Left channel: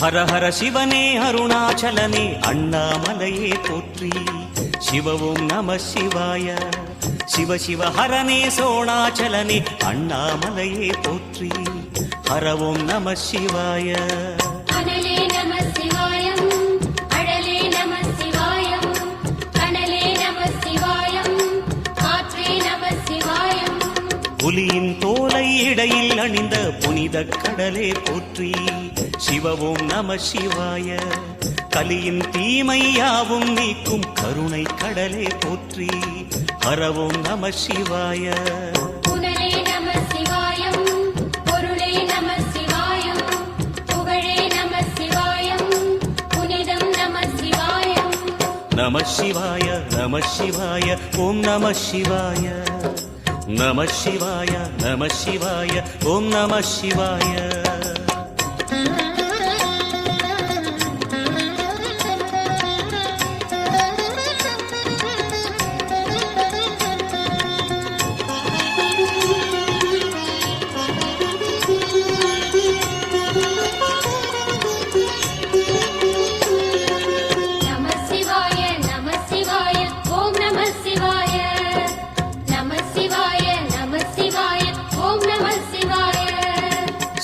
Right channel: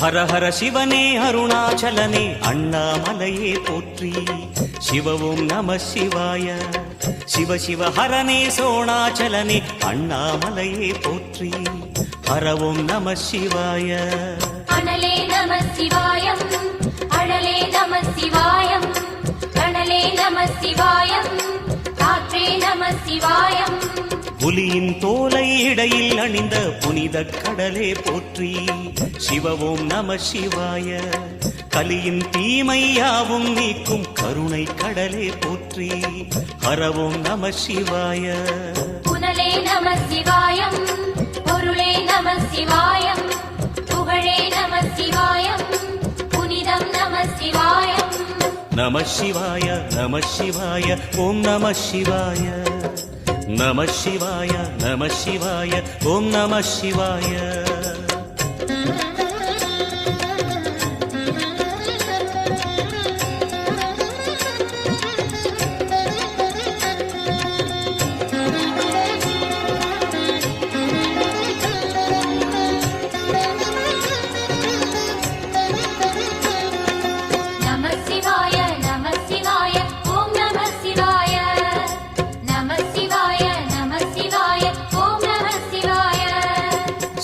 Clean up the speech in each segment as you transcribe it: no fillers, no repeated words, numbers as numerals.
ஹர ஹர சிவனே அருணாச்சலனே அண்ணாமலையே போற்றி. சிவவும் நம சிவாய. சிவ சிவ ஹரனே சோணாச்சலனே அண்ணாமலையே போற்றி. ஹரவும் நம சிவாய. அனலே நம சிவாயம், அழலே நம சிவாயம், கனலே நம சிவாயம், காற்றே நம சிவாயம். புலியின் தோலை இடையில் அணிந்த புனித கடலே போற்றி. சிவவும் நம சிவாய. கலியின் தீமையாவும் நீக்கும் கருணை கடலே போற்றி. ஹரவும் நம சிவாய. புனலே நம சிவாயம், பொருளே நம சிவாயம், புகழே நம சிவாயம், புனிதம் நம சிவாயம். நம சிவாய நம சிவாய ஓம் நம சிவாய. நம சிவாய நம சிவாய ஓம் நம சிவாய.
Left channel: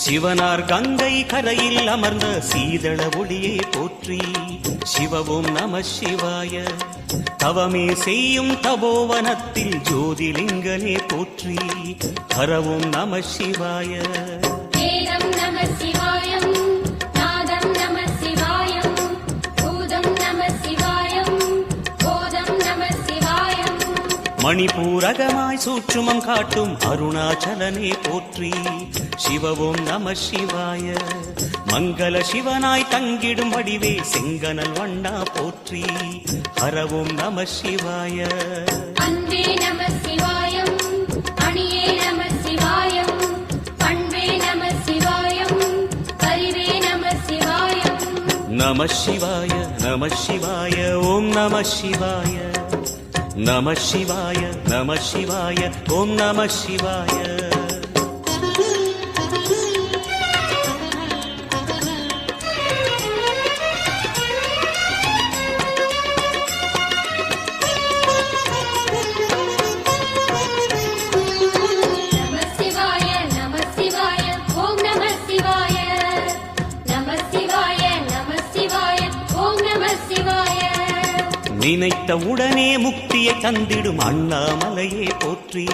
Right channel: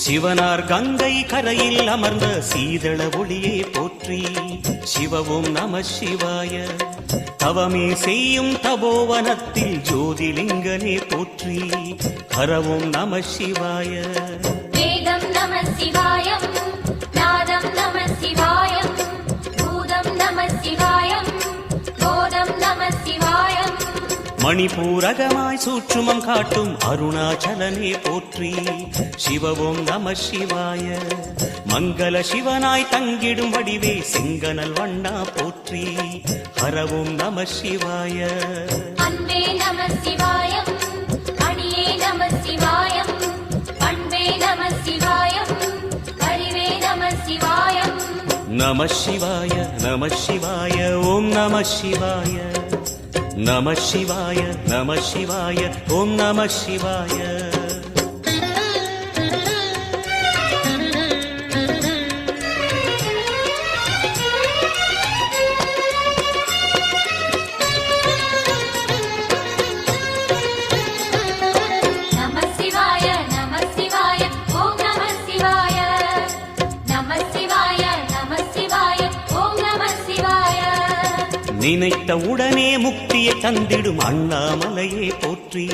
சிவனார் கங்கை கரையில் அமர்ந்த சீதள ஒளியே போற்றி. சிவவும் நம சிவாய. தவமே செய்யும் தபோவனத்தில் ஜோதிலிங்கனே போற்றி. ஹரவும் நம சிவாய. வேதம் நம சிவாயம், நாதம் நம சிவாயம், பூதம் நம சிவாயம், போதம் நம சிவாயம். மணிபூரகமாய் சூட்சுமம் காட்டும் அருணாச்சலனே போற்றி. சிவவும் நம சிவாய. மங்கள சிவனாய் தங்கிடும் வடிவே செங்கனல் வண்ணா போற்றி. ஹரவும் நம சிவாய. அன்பே நம சிவாயம், அணியே நம சிவாயம், பண்பே நம சிவாயம், அறிவே நம சிவாயம். நம சிவாய நம சிவாய ஓம் நம சிவாய. நம சிவாய நம சிவாய ஓம் நம சிவாய. நினைத்த உடனே முக்தியை தந்திடும் அண்ணாமலையே போற்றி.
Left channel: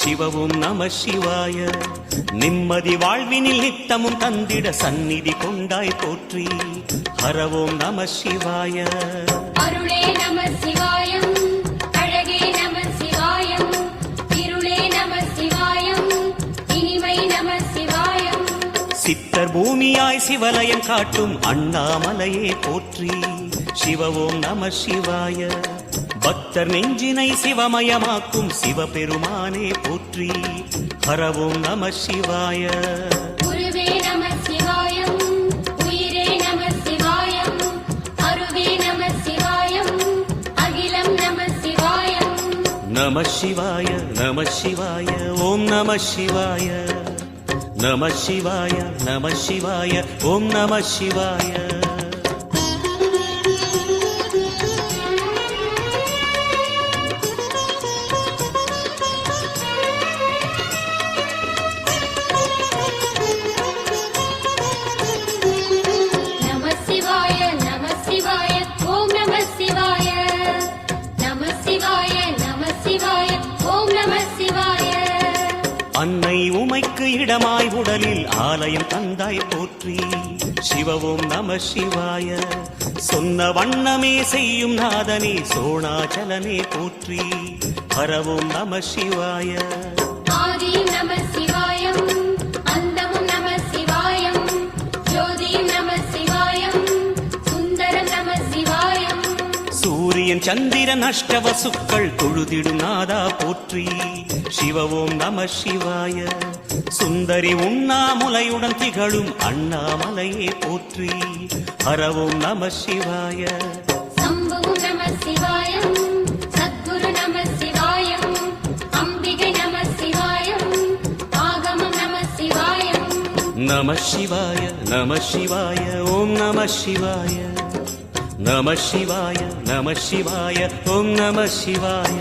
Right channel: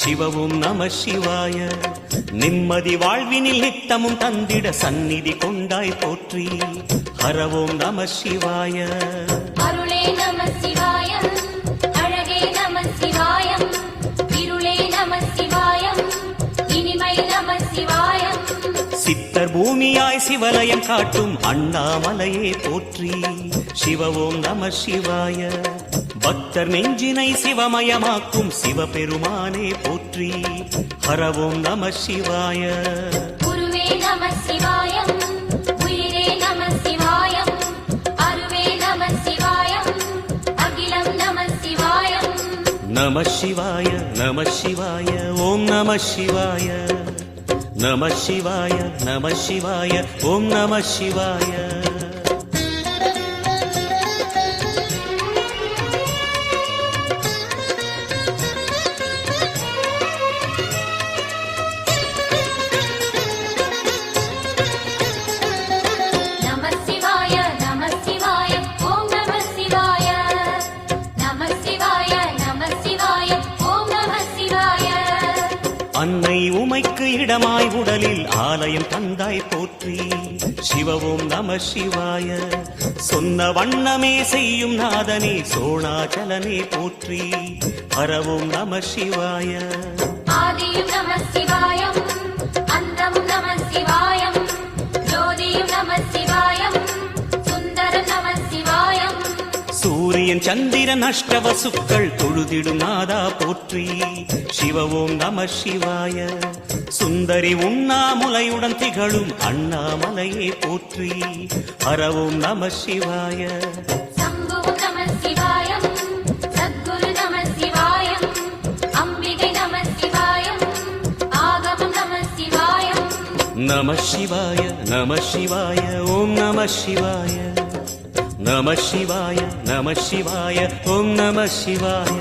சிவவும் நம சிவாய. நிம்மதி வாழ்வினில் நித்தமும் தந்திட சந்நிதி கொண்டாய் போற்றி. ஹரவோம் நம சிவாய. அருளே நம சிவாயம், அழகே நம சிவாயம், இருளே நம சிவாயம், இனிமை நம சிவாயம். சித்தர் பூமியாய் சிவலயம் காட்டும் அண்ணாமலையே போற்றி. சிவவோம் நம சிவாய. பக்தர் நெஞ்சினை சிவமயமாக்கும் சிவபெருமானே போற்றி. ஹரவோம் நம சிவாய. குருவே நம சிவாயம், உயிரே நம சிவாயம், அருவே நம சிவாயம், அகிலம் நம சிவாயம். நம சிவாய நம சிவாய ஓம் நம சிவாய. நம சிவாய நம சிவாய ஓம் நம சிவாய. அன்னை உமைக்கு இடமாய் உடலில் ஆலயம் தந்தாய் போற்றி. சிவவும் நம சிவாய. சொன்ன வண்ணமே செய்யும் நாதனே சோணாச்சலனே போற்றி. ஹரவும் நம சிவாய. ஆதியும் நம சிவாயம், அந்தமும் நம சிவாயம், ஜோதியும் நம சிவாயம், சுந்தரம் நம சிவாயம். சூரியன் சந்திரன் அஷ்டவசுக்கள் தொழுதிடும் நாதா போற்றி. சிவவோம் நம சிவாய. சுந்தரி உண்ணாமுலையுடன் திகழும் அண்ணாமலையே போற்றி. ஹரவோம் நம சிவாய. சம்புவும் நம சிவாயம், சத்குரு நம சிவாயம், அம்பிகை நம சிவாயம், ஆகமம் நம சிவாயம். நம சிவாய நம சிவாய ஓம் நம சிவாய நம சிவாய நம சிவாய ஓம் நம சிவாய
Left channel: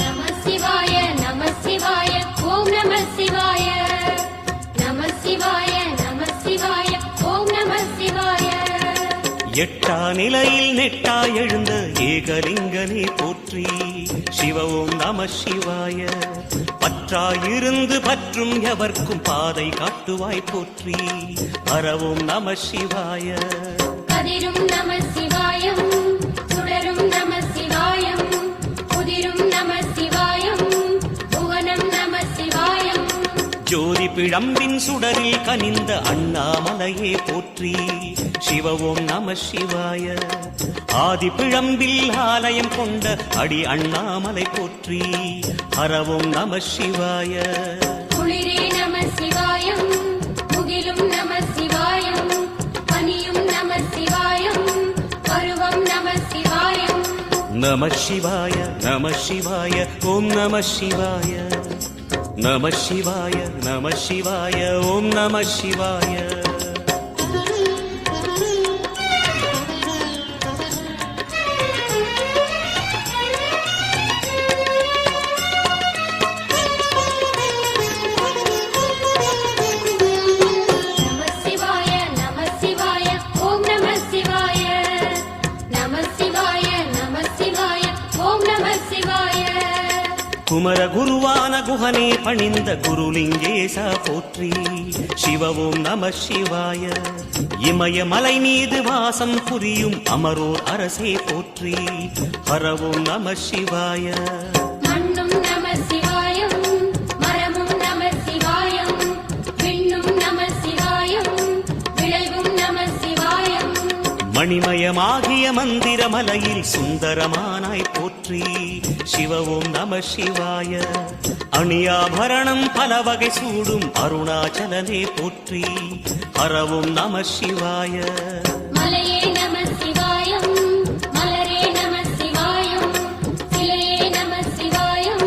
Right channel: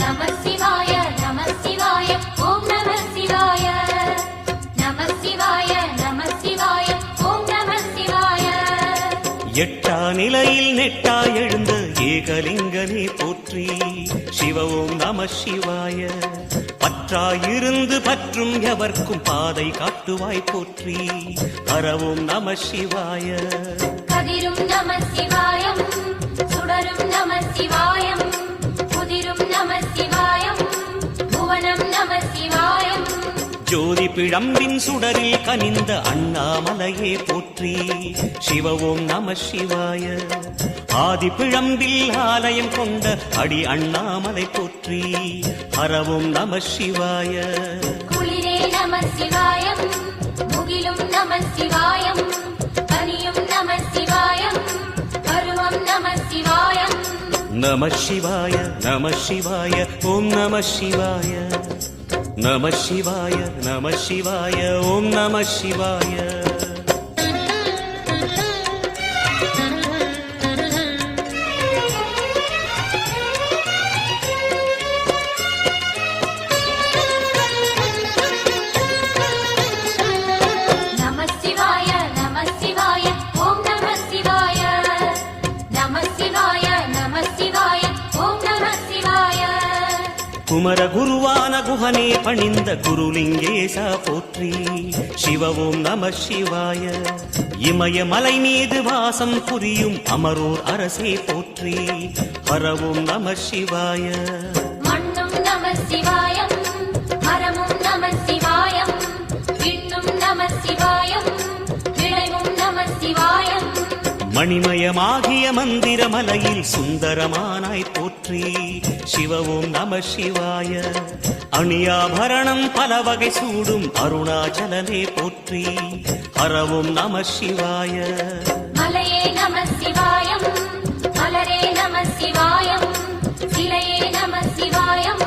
நம சிவாய நம சிவாய ஓம் நம சிவாய நம சிவாய நம சிவாய ஓம் நம சிவாய எட்டா நிலையில் நெட்டாய் எழுந்த ஏகலிங்கனே போற்றி சிவ ஓம் நம சிவாய பற்றாயிருந்து பற்றும் எவர்க்கும் பாதை காட்டுவாய் போற்றி ஹரவோம் நம சிவாய கதிரும் நம சிவாயம் சுடரும் நம சிவாயம் குதிரும் நம சிவாயம் புவனம் நம சிவாயம் ஜோதி பிழம்பின் சுடரில் கனிந்த அண்ணாமலையே போற்றி சிவ ஓம் நம சிவாய ஆதி பிழம்பில் ஆலயம் கொண்ட அடி அண்ணாமலை போற்றி ஹரவோம் நம சிவாய குளிரே நம சிவாயம் முகிலும் நம சிவாயம் பனியும் நம சிவாயம் பருவம் நம சிவாயம் நம சிவாய நம சிவாய ஓம் நம சிவாய நம சிவாய நம சிவாய ஓம் நம சிவாய நம சிவாய நம சிவாய ஓம் நம சிவாய நம சிவாய நம சிவாய ஓம் நம சிவாய குமர குருவான குஹனே பணிந்த குருலிங்கேசா போற்றி சிவ ஓம் நம சிவாய இமய மலை மீது வாசம் புரியும் அமரோர் அரசே போற்றி ஹரவோம் நம சிவாய மண்ணும் நம சிவாயம் மரமும் நம சிவாயம் விண்ணும் நம சிவாயம் விளைவும் நம சிவாயம் மணிமயமாகிய மந்திர மலையில் சுந்தரமானாய் போற்றி சிவ ஓம் நம சிவாய அணியாபரணம் பல வகை சூடும் அருணாச்சலனே போற்றி ஹரவோம் நம சிவாய மலையே நம சிவாயம் மலரே நம சிவாயம் சிலையே நம சிவாயம்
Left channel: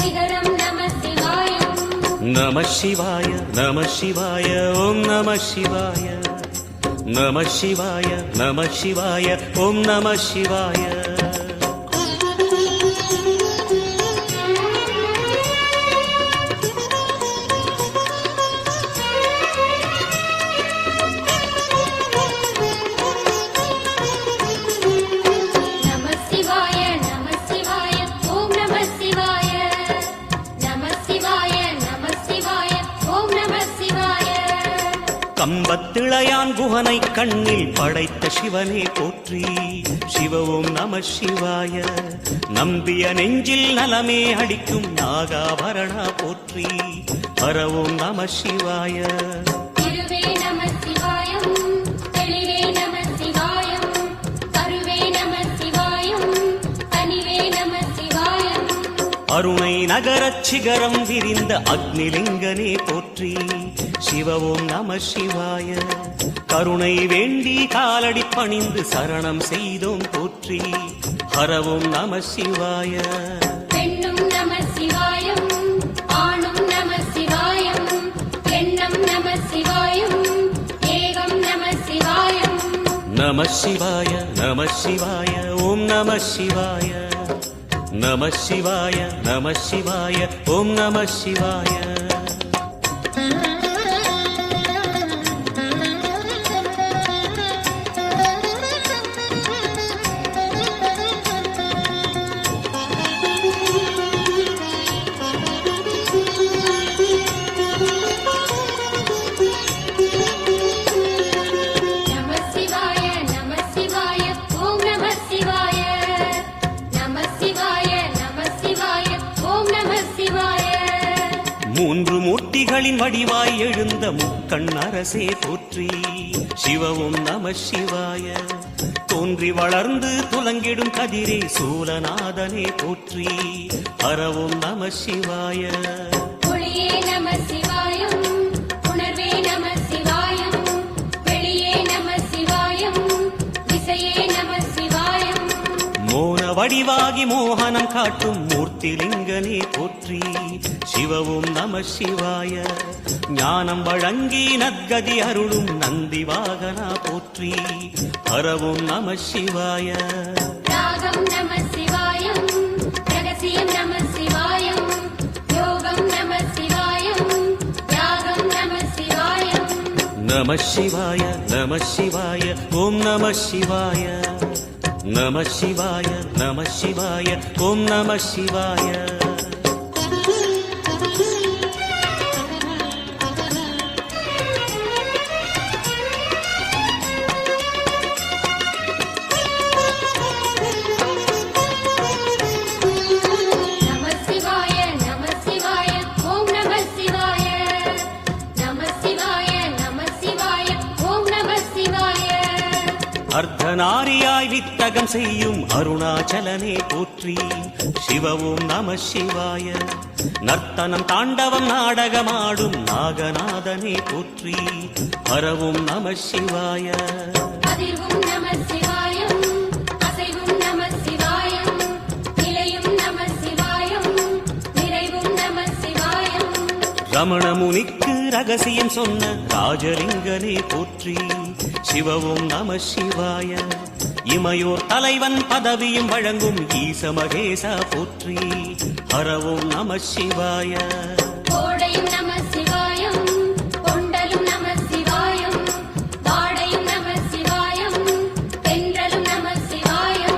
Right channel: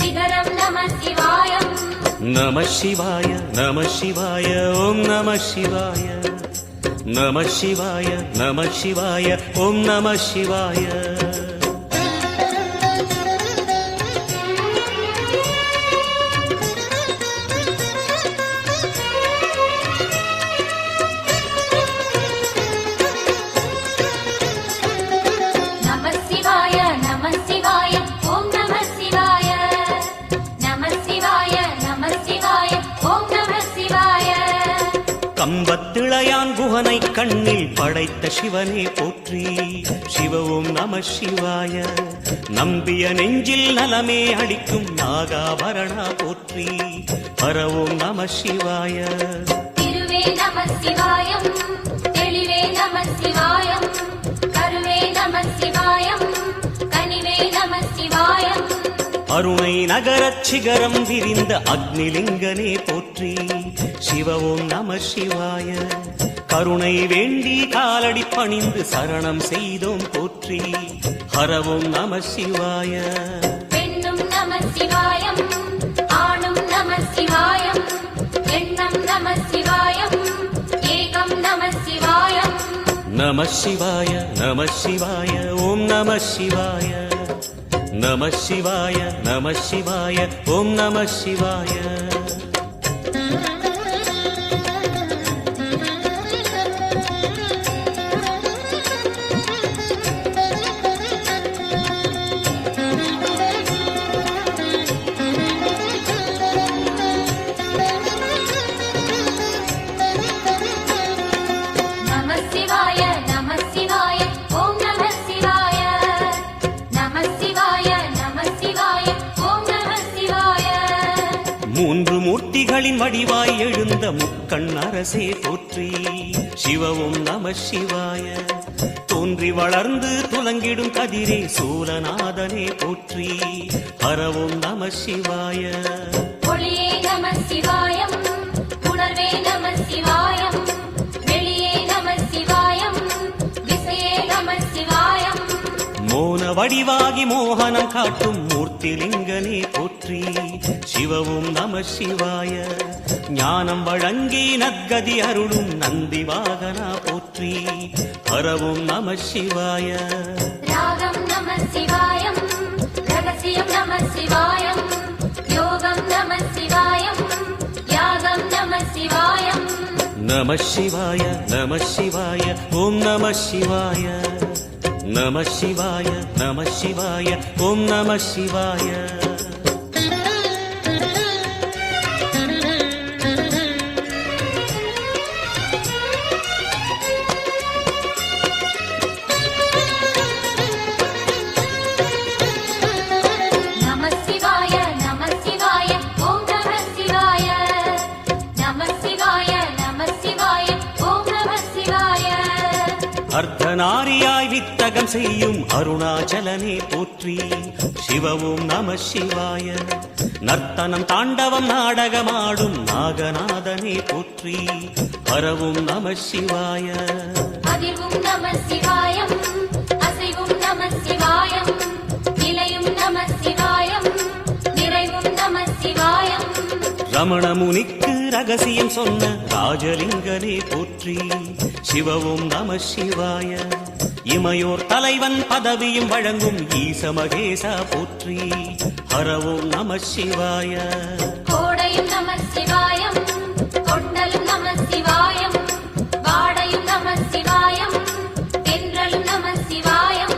சிகரம் நம சிவாயம் நம சிவாய நம சிவாய ஓம் நம சிவாய நம சிவாய நம சிவாய ஓம் நம சிவாய நம சிவாய நம சிவாய ஓம் நம சிவாய நம சிவாய நம சிவாய ஓம் நம சிவாய கம்பத்திளையான் குஹனை கண்ணில் படைத்த சிவனே போற்றி சிவ ஓம் நம சிவாய நம்பிய நெஞ்சில் நலமே அடிக்கும் நாகாபரணா போற்றி ஹரவோம் நம சிவாய திருவே நம சிவாயம் தெளிவே நம சிவாயம் கருவே நம சிவாயம் கனிவே நம சிவாயம் அருணை நகரச் சிகரம் விரிந்த அக்னிலிங்கனே போற்றி சிவ ஓம் நம சிவாய கருணை வேண்டி காலடி பணிந்து சரணம் செய்தோம் போற்றி ஹரவோம் நம சிவாய பெண்ணும் நம சிவாயம் ஆணும் நம சிவாயம் எண்ணம் நம சிவாயம் ஏகம் நம சிவாயம் நம சிவாய நம சிவாய ஓம் நம சிவாய நம சிவாய நம சிவாய ஓம் நம சிவாய நம சிவாய நம சிவாய ஓம் நம சிவாய நம சிவாய நம சிவாய ஓம் நம சிவாய மூன்று மூர்த்திகளின் வடிவாய் எழுந்த முக்கண் அரசே போற்றி. சிவவும் நம சிவாய. தோன்றி வளர்ந்து துலங்கிடும் கதிரே சூலநாதனே போற்றி. ஹரவும் நம சிவாய. ஒளியே நம சிவாயம், உணர்வே நம சிவாயம், வெளியே நம சிவாயம், திசையே நம சிவாயம். மோன வடிவாகி மோகனம் காட்டும் மூர்த்திலிங்கனே போற்றி. சிவவும் நம சிவாய. ஞானம் வழங்கி நற்கதி அருளும் நந்தி வாகனா போற்றி. ஹரவும் நம சிவாய. ராகம் நம சிவாயம், ரகசியம் நம சிவாயம், யோகம் நம சிவாயம், யாகம் நம சிவாயம். நம சிவாய நம சிவாய ஓம் நம சிவாய. நம சிவாய நம சிவாய ஓம் நம சிவாய. நம சிவாய நம சிவாய ஓம் நம சிவாய. நம சிவாய நம சிவாய ஓம் நம சிவாய. அர்த்தநாரியாய் வித்தகம் செய்யும் அருணாச்சலனே போற்றி. சிவவும் நம சிவாய. நர்த்தனம் தாண்டவம் நாடகமாடும் நாகநாதனே போற்றி. ஹரவும் நம சிவாய. அதிர்வும் நம சிவாயம், அசைவும் நம சிவாயம், நிலையும் நம சிவாயம், நிறைவும் நம சிவாயம். ரமண முனிக்கு ரகசியம் சொன்ன ராஜலிங்கனே போற்றி. சிவவும் நம சிவாய. இமையோர் தலைவன் பதவியும் வழங்கும் ஈச மகேசா போற்றி. ஹரவும் நம சிவாய. கோடையும் நம சிவாயம், கொண்டலும் நம சிவாயம், வாடையும் நம சிவாயம், தென்றலும் நம சிவாயம்.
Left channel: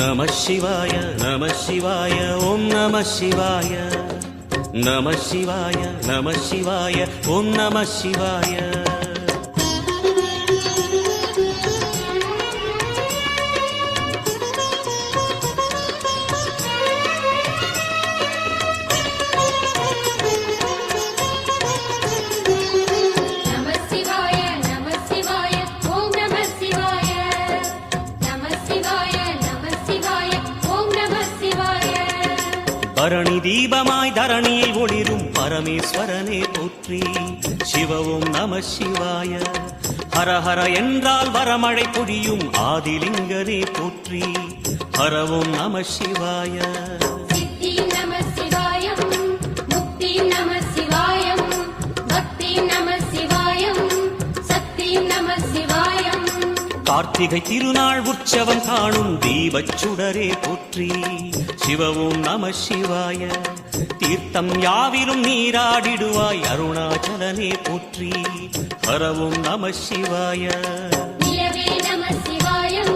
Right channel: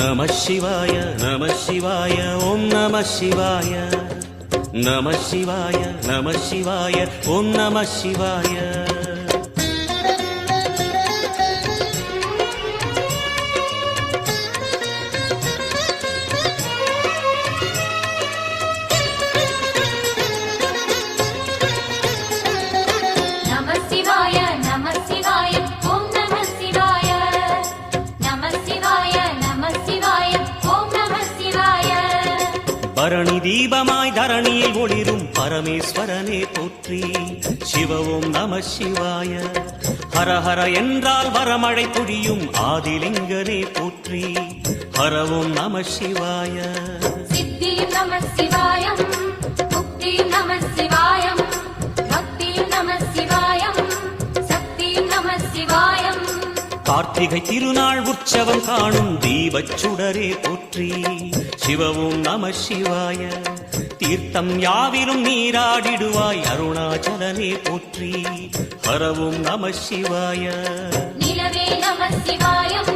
நம சிவாய நம சிவாய ஓம் நம சிவாய. நம சிவாய நம சிவாய ஓம் நம சிவாய. நம சிவாய நம சிவாய ஓம் நம சிவாய. நம சிவாய நம சிவாய ஓம் நம சிவாய. பரணி தீபமாய் தரணியில் ஒளிரும் பரமேஸ்வரனே போற்றி. சிவவும் நம சிவாய. ஹரஹர என்றால் வரமழை பொழியும் ஆதிலிங்கனே போற்றி. ஹரவும் நம சிவாய. சித்தியும் நம சிவாயம், முக்தியும் நம சிவாயம், பக்தியும் நம சிவாயம், சக்தியும் நம சிவாயம். கார்த்திகை திருநாள் உற்சவம் காணும் தீபச் சுடரே போற்றி. சிவவும் நம சிவாய. தீர்த்தம் யாவிலும் நீராடிடுவாய் அருணாச்சலனே போற்றி. ஹரவும் நம சிவாய. நிலவே நம சிவாயம்,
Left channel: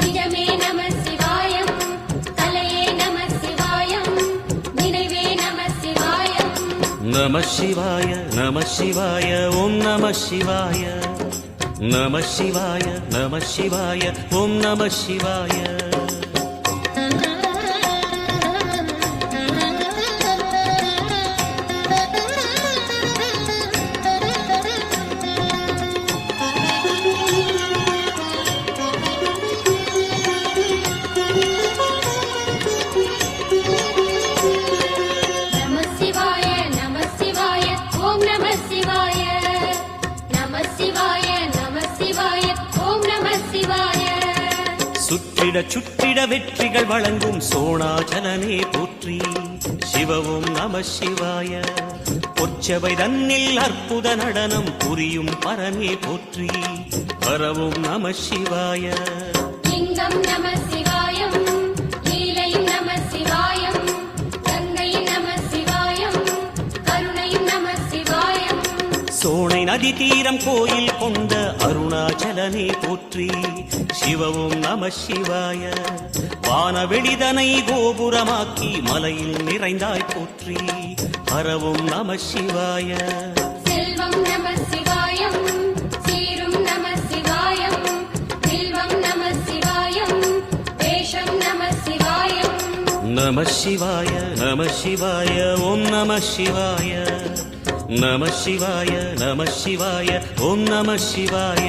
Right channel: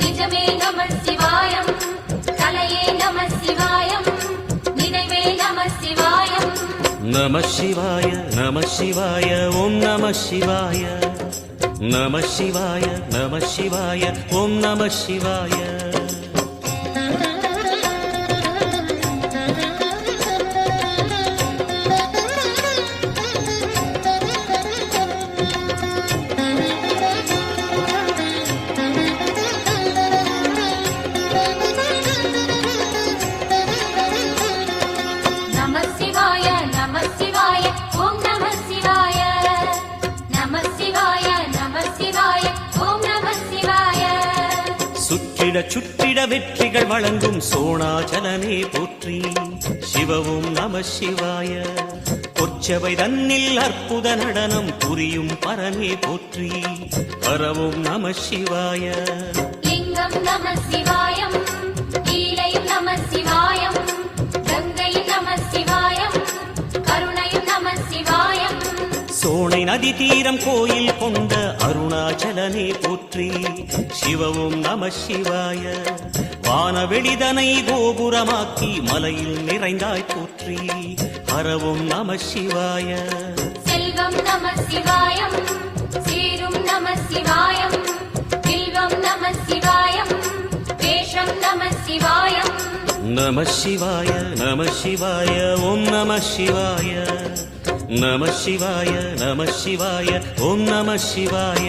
நிஜமே நம சிவாயம், கலையே நம சிவாயம், நினைவே நம சிவாயம். நம சிவாய நம சிவாய ஓம் நம சிவாய. நம சிவாய நம சிவாய ஓம் நம சிவாய. நம சிவாய நம சிவாய ஓம் நம சிவாய. நம சிவாய நம சிவாய ஓம் நம சிவாய. சுற்றிட சுற்றிட வெற்றிகள் வழங்கும் சோணாச்சலனே போற்றி. சிவவும் நம சிவாய. பொற்சபை தன்னில் அற்புத நடனம் புரியும் பரமே போற்றி. ஹரவும் நம சிவாய. லிங்கம் நம சிவாயம், லீலையும் நம சிவாயம், கங்கையும் நம சிவாயம், கருணையும் நம சிவாயம். சோனை நதி தீரம் கோயில் கொண்ட அருணாச்சலனே போற்றி. சிவவும் நம சிவாய. வானவெளிதனை கோபுரமாக்கி மலையில் நிறைந்தாய் போற்றி. ஹரவும் நம சிவாய. செல்வம் நம சிவாயம், சீரும் நம சிவாயம், வில்வம் நம சிவாயம், வேஷம் நம சிவாயம். நம சிவாய நம சிவாய ஓம் நம சிவாய நம சிவாய நம சிவாய ஓம் நம சிவாய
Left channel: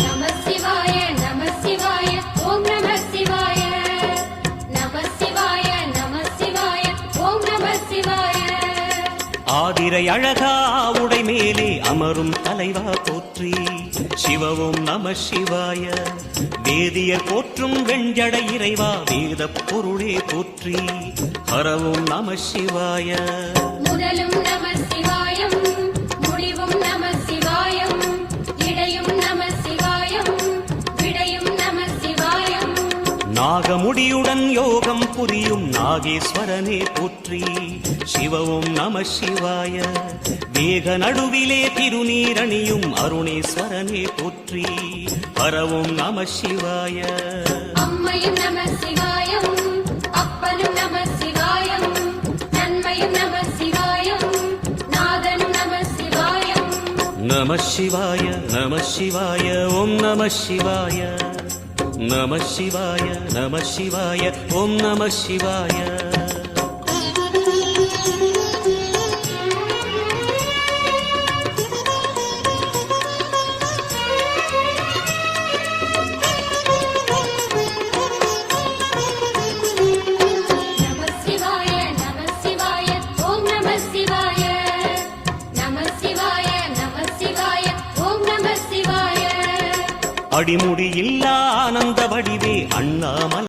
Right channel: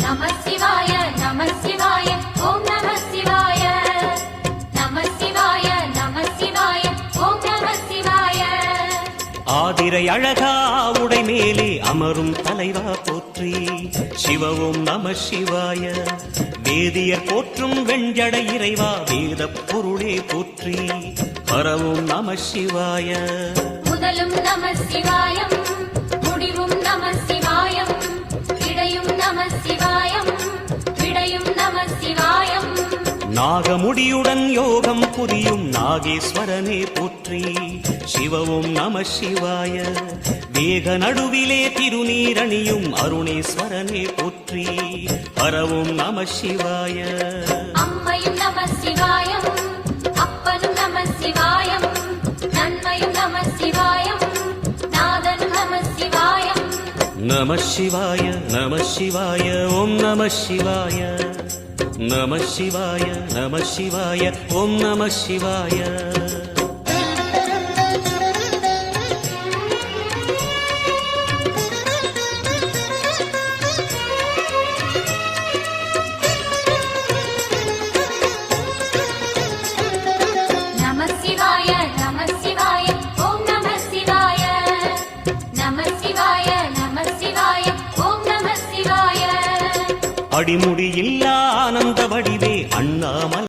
நம சிவாய நம சிவாய ஓம் நம சிவாய நம சிவாய நம சிவாய ஓம் நம சிவாய ஆதிரை அழகா உடை மேலே அமரும் தலைவா போற்றி சிவவும் நம சிவாய வேதியர் போற்றும் வெண்ஜடை இறைவா வேத பொருளே போற்றி ஹரவும் நம சிவாய முதலும் நம சிவாயம் முடிவும் நம சிவாயம் இடையும் நம சிவாயம் விடையும் நம சிவாயம் நாகமுடியுடன் யோகம் புரியும் நாகேஸ்வரனே போற்றி சிவவும் நம சிவாய வேக நடுவிலே திருநீரணியும் அருணேஸ்வரனே போற்றி ஹரவும் நம சிவாய அம்மையும் நம சிவாயம் அப்பனும் நம சிவாயம் நன்மையும் நம சிவாயம் நாதனும் நம சிவாயம் நம சிவாய நம சிவாய ஓம் நம சிவாய நம சிவாய நம சிவாய ஓம் நம சிவாய நம சிவாய நம சிவாய ஓம் நம சிவாய நம சிவாய நம சிவாய ஓம் நம சிவாய அடிமுடியில்லா ஆனந்த வடிவே அண்ணாமலை